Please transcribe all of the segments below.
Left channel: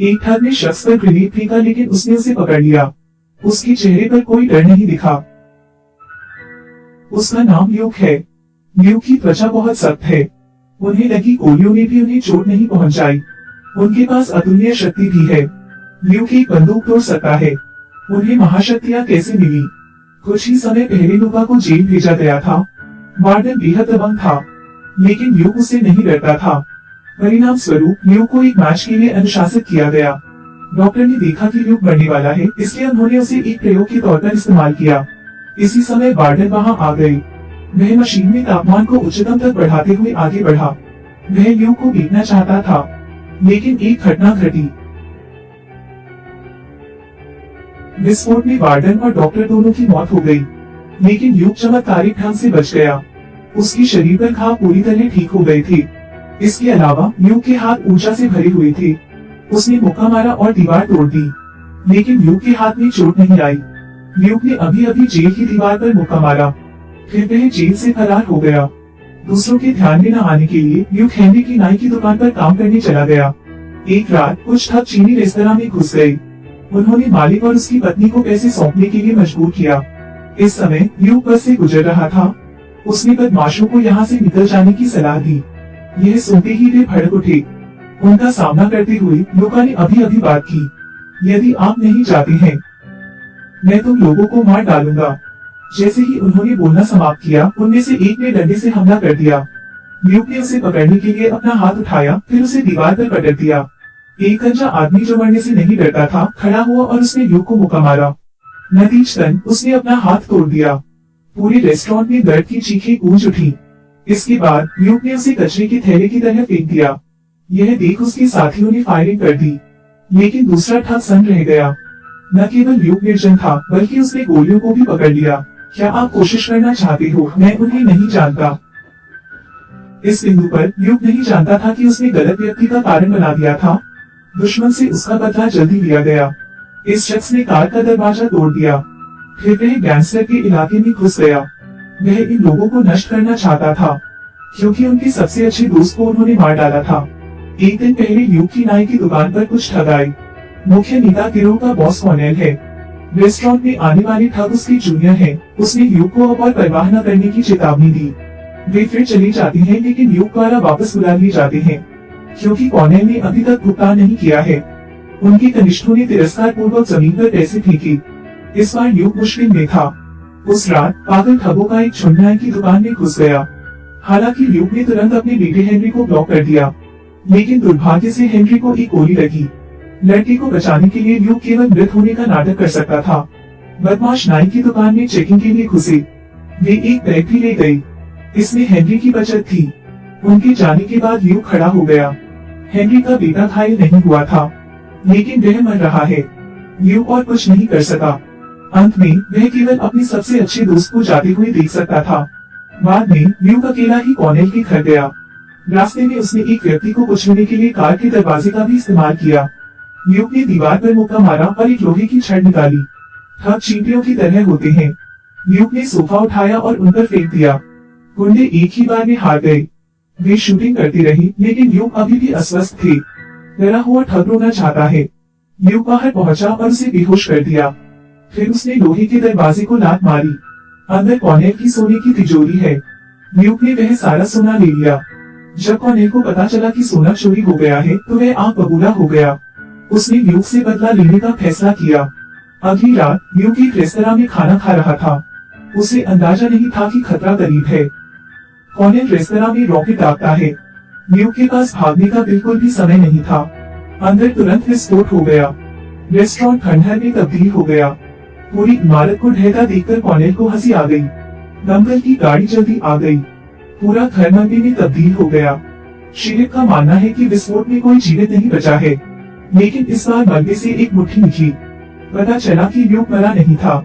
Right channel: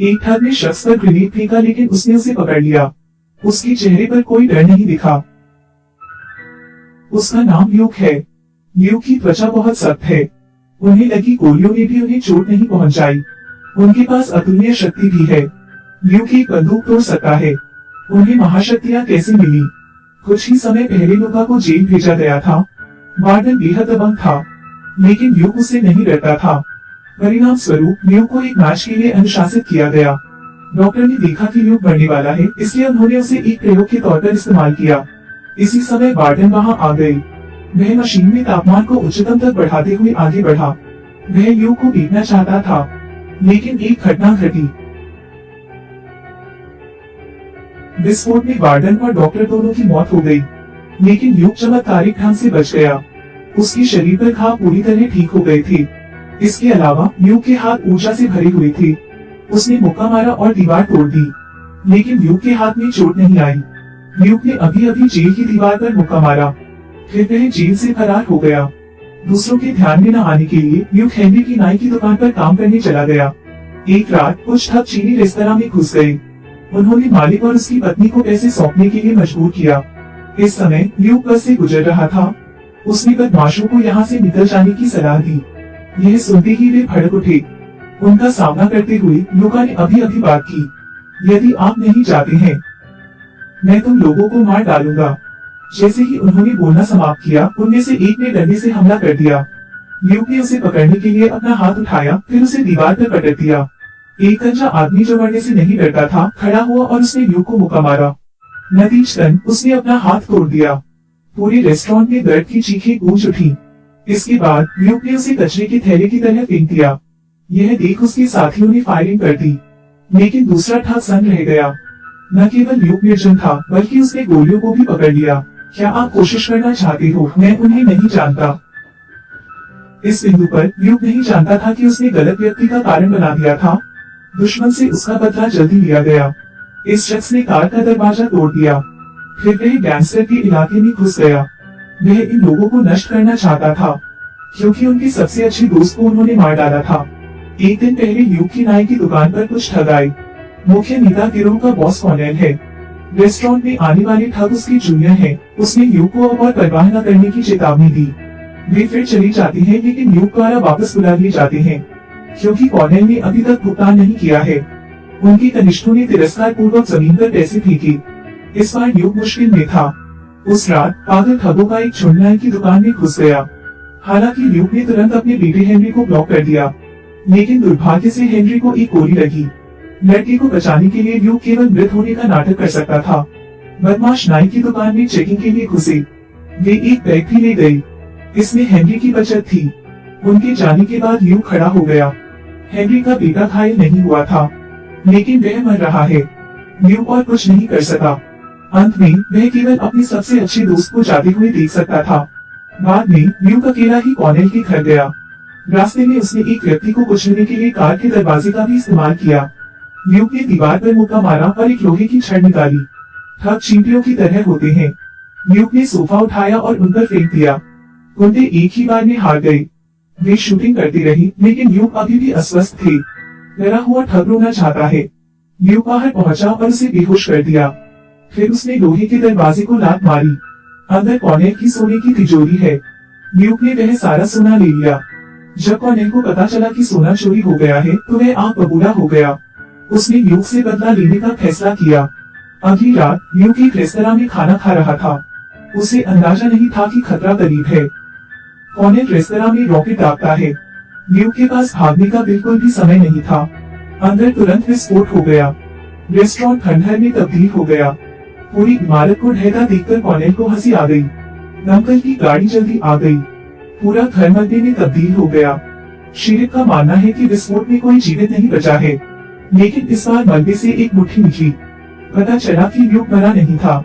एक ठग ने शख्स पर ग्रेनेड फेंका लेकिन उसने उसे पकड़ लिया। उसके चेहरे पर कोई डर नहीं दिखा। उसका नाम ल्यूक है। ल्यूक की त्वचा बहुत सख्त है। उन्हें लगी गोलियों ने भी उन्हें चोट नहीं पहुंचाई। उनके पास अतुल्य शक्ति भी है। ल्यूक एक बंदूक तोड़ सकता है। उन्हें महाशक्तियां कैसे मिली? कुछ ही समय पहले लुका को जेल भेजा गया था। वार्डन बेहद दबंग था, लेकिन ल्यूक उससे नहीं डरता था। परिणाम स्वरूप ल्यूक को एक मैच के लिए अनुशासित किया गया। डॉक्टर ने देखा कि ल्यूक मरने वाला है, इसलिए उन्होंने उसे एक प्रयोग के तौर पर इस्तेमाल किया। इसी समय वार्डन वहां आ गई। वह मशीन में तापमान को उच्चतम तक बढ़ाते हुए आगे बढ़ा। वह ल्यूक को पीटना चाहता था, लेकिन एक घटना घटी। विस्फोट में वार्डन और डॉक्टर दोनों की मौत हो गई, लेकिन ल्यूक चमत्कारिक ढंग से बच गया। उसके शरीर पर घाव पूरी तरह ठीक हो गए थे। इसके अलावा ल्यूक के हाथ ऊर्जा से भरे हुए थे। उसने मुक्का मारा और दीवार तोड़ दी, लेकिन ल्यूक के हाथ में चोट नहीं आई। ल्यूक ने अभी अभी जेल की दीवार पर मुक्का मारा, फिर वह जेल से फरार हो गया। दूसरों के ध्यान में न आने के लिए ल्यूक हेनरी की नाई की दुकान पर काम करने चला गया। एक रात कुछ ठग चीनी रेस्तरां में घुस गए। उन्होंने मालिक और उसकी पत्नी को पैसे सौंपने के लिए मजबूर किया। इस समय ल्यूक बस से गुजर रहा था। उसने बदमाशों को यहाँ से निकल जाने की सलाह दी। यह सुनते ही वे भड़क उठे। उनका सामना करते हुए लुका ने अभी अभी बात की, यदि आप नहीं जाते हैं, मैं तुम लोगों को मार डालूंगा। जैसे ही उन्होंने बोलना समाप्त किया, उनमें से एक ने डंडे से हमला कर दिया। ल्यूक ने उसे पकड़ने के लिए अपना हाथ उठाया, फिर उसे दीवार पर पटक दिया। एक गंजा आदमी जो मरने से नहीं डरता था, खड़ा हुआ और उसने ल्यूक को मुक्का मारा। नतीजतन उसने अपना हाथ तोड़ दिया। पूरे रेस्टोरेंट में दर्द की चीखें गूंज उठी। इसके बाद ल्यूक ने उसे कचरे के थैले की तरह फेंक दिया। यह देख उसके साथियों ने फायरिंग कर दी, लेकिन दूसरा ठग सन्न रह गया। न केवल ल्यूक निर्जन था, बल्कि उसने गोलियों को भी पकड़ लिया। क्या आप कोशिश करना चाहते हो? मैं उन्हें नहीं जानता। इस बिंदु पर ल्यूक नहीं जानता था कि उसने गलत व्यक्ति का कारण बना दिया था। दुश्मन से उसका बदला जल्दी लिया गया। इस शख्स ने कार का दरवाजा तोड़ दिया, फिर वह गैंगस्टर के इलाके में घुस गया। वह इन लोगों को नष्ट करना चाहता था, क्योंकि उनके सबसे अच्छे दोस्त को उन्होंने मार डाला था। एक दिन पहले ल्यूक की नाई की दुकान पर कुछ ठग आए। मुख्य नेता गिरोह का बॉस कॉर्नेल है। रेस्टोरेंट में आने वाले ठग उसके जूनियर हैं। उसने ल्यूक को अब और परवाह न करने की चेतावनी दी। वे फिर चले जाते हैं, लेकिन ल्यूक द्वारा वापस बुला लिए जाते हैं, क्योंकि कॉर्नेल ने अभी तक भुगतान नहीं किया है। उनके कनिष्ठों ने तिरस्कार पूर्वक जमीन पर पैसे फेंके। इस बार ल्यूक मुश्किल में था। उस रात पागल ठगों का एक झुंड नाई की दुकान में घुस गया। हालांकि ल्यूक ने तुरंत अपने बेटे हेनरी को ब्लॉक कर दिया, लेकिन दुर्भाग्य से हेनरी को एक गोली लगी। लड़के को बचाने के लिए ल्यूक केवल मृत होने का नाटक कर सकता था। बदमाश नाई की दुकान में चेकिंग के लिए घुसे। वे एक बैग भी ले गए। इसमें हेनरी की बचत थी। उनके जाने के बाद ल्यूक खड़ा हो गया। हेनरी का बेटा घायल नहीं हुआ था, लेकिन वह मर रहा है। ल्यूक और कुछ नहीं कर सका। अंत में वह केवल अपने सबसे अच्छे दोस्त को जाते हुए देख सकता था। बाद में ल्यूक अकेला ही कॉर्नेल के घर गया। रास्ते में उसने एक व्यक्ति को कुचलने के लिए कार के दरवाजे का भी इस्तेमाल किया। ल्यूक ने दीवार पर मुक्का मारा और एक लोहे की छड़ निकाली। ठग चींटियों की तरह होते हैं। ल्यूक ने सोफा उठाया और उन पर फेंक दिया। गुंडे एक ही बार में हार गए। वे शूटिंग करती रही, लेकिन ल्यूक अभी भी अस्वस्थ थे। डरा हुआ ठग रोना चाहता है। ल्यूक बाहर पहुंचा और उसे बेहोश कर दिया। फिर उसने लोहे के दरवाजे को लात मारी। अंदर कॉर्नेल की सोने की तिजोरी है। ल्यूक ने वह सारा सोना ले लिया। जब कॉर्नेल को पता चला कि सोना चोरी हो गया है, तो वह आग बबूला हो गया। उसने ल्यूक से बदला लेने का फैसला किया। अगली रात ल्यूक एक रेस्तरां में खाना खा रहा था। उसे अंदाजा नहीं था कि खतरा करीब है। कॉर्नेल रेस्तरां में रॉकेट दागता है। ल्यूक के पास भागने का बिल्कुल भी समय नहीं था। अंदर तुरंत विस्फोट हो गया। रेस्टोरेंट खंडहर में तब्दील हो गया। पूरी इमारत को ढहता देखकर कॉर्नेल को हंसी आ गई। दमकल की गाड़ी जल्दी आ गई। पूरा घर मलबे में तब्दील हो गया। शेरिफ का मानना है कि विस्फोट में कोई जीवित नहीं बचा है, लेकिन इस बार मलबे से एक मुट्ठी निकली। पता चला कि ल्यूक मरा नहीं था।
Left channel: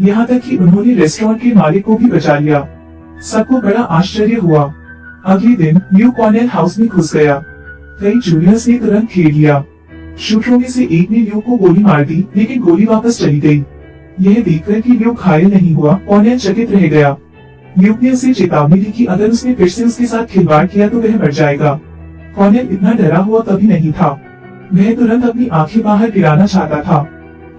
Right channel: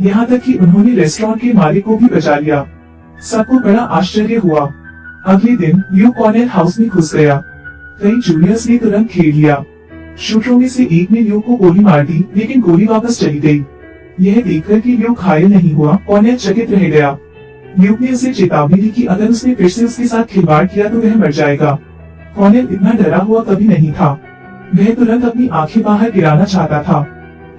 यहाँ तक कि उन्होंने रेस्टोरेंट के मालिक को भी बचा लिया। सबको बड़ा आश्चर्य हुआ। अगले दिन ल्यूक कॉर्नेल हाउस में घुस गया। कई जूनियर्स ने तुरंत घेर लिया। शूटरों में से एक ने ल्यूक को गोली मार दी, लेकिन गोली वापस चली गई। यह देखकर कि ल्यूक घायल नहीं हुआ, कॉर्नेल चकित रह गया। ल्यूक ने उसे चेतावनी दी कि अगर उसने फिर से उसके साथ खिलवाड़ किया तो वह मर जाएगा। कॉर्नेल इतना डरा हुआ कभी नहीं था। वह तुरंत अपनी आंखें बाहर गिराना चाहता था।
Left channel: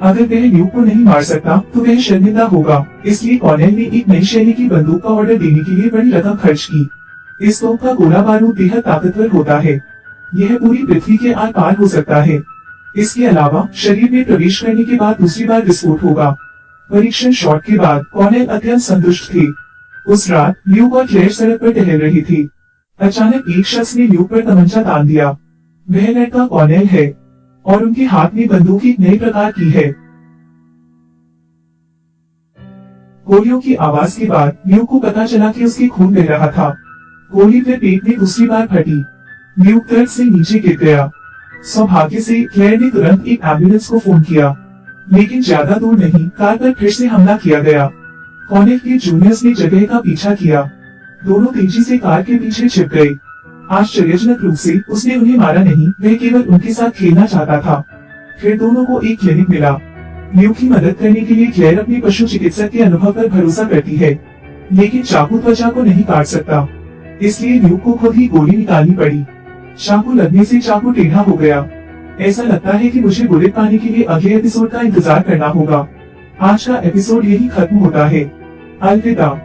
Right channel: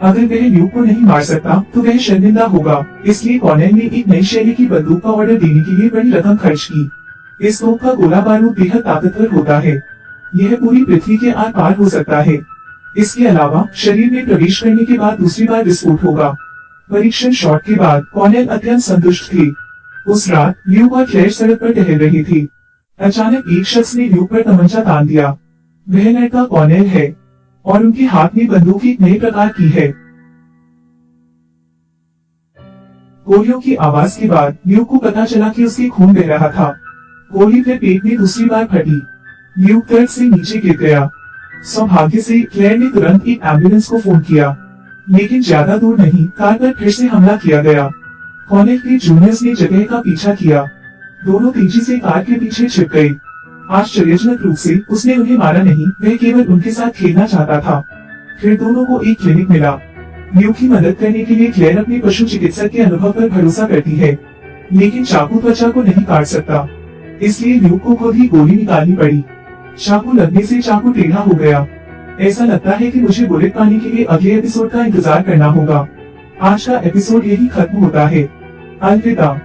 अगर वह ल्यूक को नहीं मार सकता तो वह शर्मिंदा होगा, इसलिए कॉर्नेल ने एक नई शैली की बंदूक का ऑर्डर देने के लिए बड़ी रकम खर्च की। इस तोप का गोला बारूद बेहद ताकतवर होता है। यह पूरी पृथ्वी के आर पार हो सकता है। इसके अलावा शरीर में प्रवेश करने के बाद दूसरी बार विस्फोट होगा। परीक्षण शॉट के बाद कॉर्नेल अत्यंत संतुष्ट थे। उस रात ल्यूक और क्लेयर सड़क पर टहल रही थी। अचानक एक शख्स ने ल्यूक पर तमंचा तान दिया। वह लड़का कॉर्नेल है और उनके हाथ में बंदूक एक नए प्रकार की है। गोलियों की आवाज के बाद ल्यूक को पता चला कि उसके खून बह रहा था। गोली फिर पेट में दूसरी बार फटी। ल्यूक दर्द से नीचे गिर गया। सौभाग्य से क्लेयर ने तुरंत एक एम्बुलेंस को फोन किया, लेकिन ज्यादा दूर नहीं, कार पर फिर से हमला किया गया। कॉर्नेल के जूनियर्स ने जगह का पीछा किया। दोनों तेजी से कार के पीछे छिप गए। आश्चर्यजनक रूप से उसने उन्हें मारा नहीं, वह केवल उनके साथ खेलना चाहता था। फिर दोनों को एक क्लिनिक मिला। ल्यूक की मदद करने के लिए क्लेयर अपने पशु चिकित्सक के अनुभव पर भरोसा करती है, लेकिन चाकू त्वचा को नहीं काट सकता, इसलिए ल्यूक को खुद ही गोली निकालनी पड़ी। चाकू लगने से चाकू टेढ़ा हो गया। ऐसा लगता है कि मुझे बुलेट पाने के लिए अगले एपिसोड का इंतजार करना होगा। आज का एपिसोड यही खत्म होता है। अलविदा।